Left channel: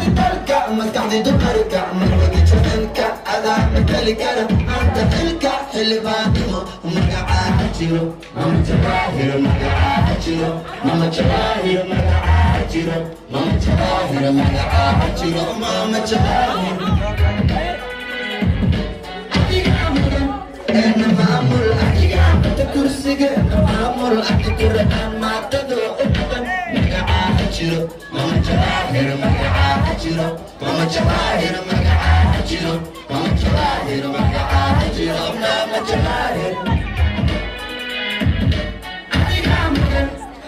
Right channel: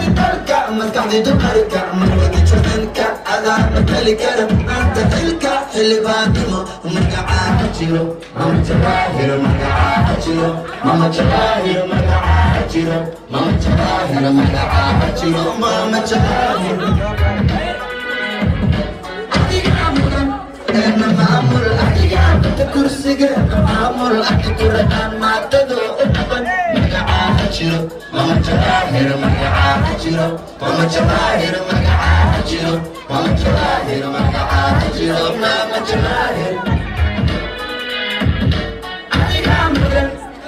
di talca, ma scadi tu talca, ma non di ciocca, ada metallica, anta talca, اللي بعدهم مقعاتيو ماما جواهر مقعاتيو ماما جواهر مقعاتيو ماما جواهر مقعاتيو ماما جواهر كنا معمر الأحياء تكرسي كنا معمر الأحياء ما تدو مقعاتيو ماما جواهر مقعاتيو ماما جواهر مقعاتيو ماما جواهر مقعاتيو ماما جواهر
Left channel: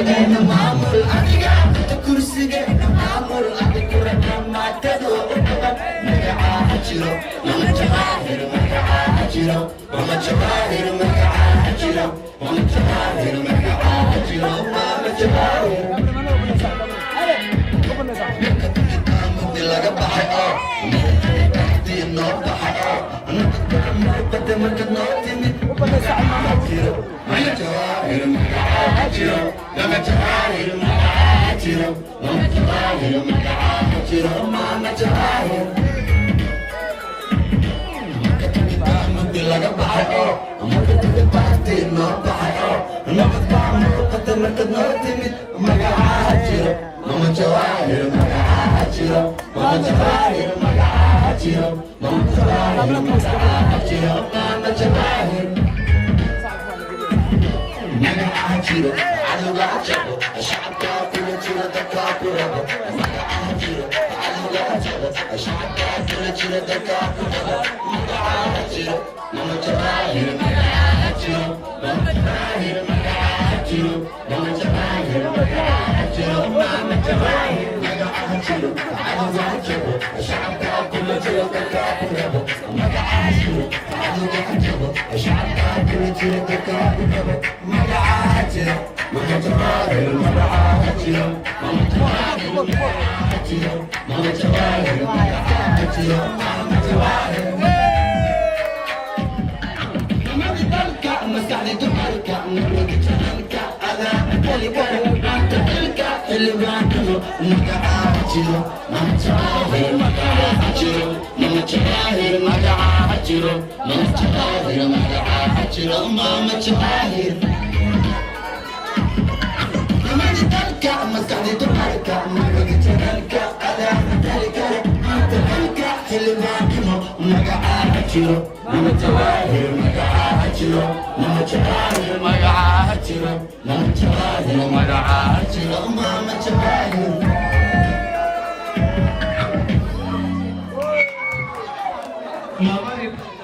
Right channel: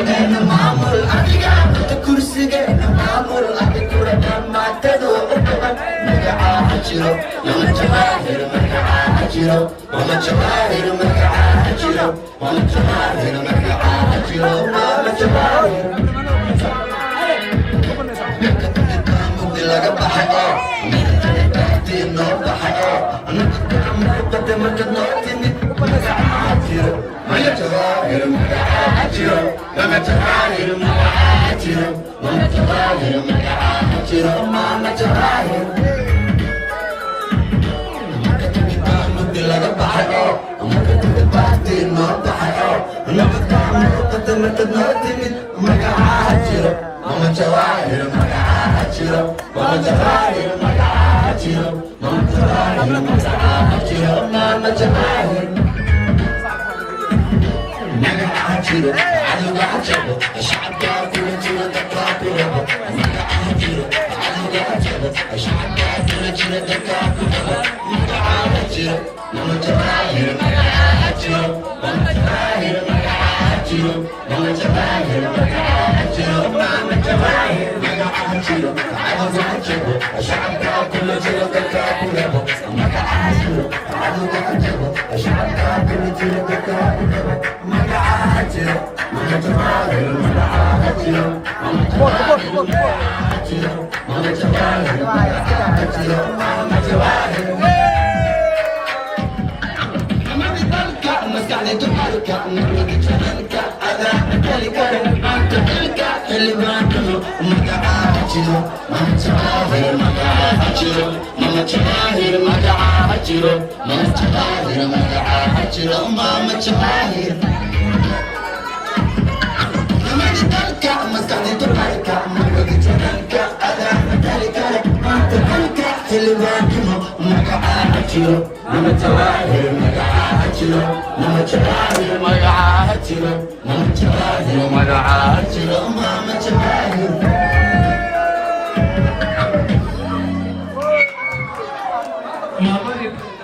كنا معمر الأحياء تكرسي كنا معمر الأحياء ما تدو مقعاتيو ماما جواهر مقعاتيو ماما جواهر مقعاتيو ماما جواهر مقعاتيو ماما جواهر laga baxayo diino baxayo qad ma kadootin magacaajiro maya jawaahir magacaajiro mama jawaahir magacaajiro mama jawaahir magacaajiro mama jawaahir laga baxayo diino baxayo qad ma kadootin magacaajiro mama jawaahir magacaajiro mama jawaahir magacaajiro mama jawaahir magacaajiro mama jawaahir magacaajiro magacaajiro shacabka kula jira dadka kula bo magacaajiro magacaajiro shacabka kula jira dadka kula bo magacaajiro mama jawaahir magacaajiro mama jawaahir magacaajiro mama jawaahir magacaajiro mama jawaahir magacaajiro magacaajiro shacabka kula jira dadka kula bo magacaajiro magacaajiro shacabka kula jira dadka kula bo magacaajiro mama jawaahir magacaajiro mama jawaahir magacaajiro mama jawaahir magacaajiro mama jawaahir mama jawaahir magacaajiro mama jawaahir magacaajiro mama jawaahir magacaajiro mama jawaahir mama dalka maskadi dalka mama dalka ada dalka dalka hilwaakimo magacaajiro mama jawaahir magacaajiro mama jawaahir magacaajiro mama jawaahir magacaajiro mama jawaahir Mama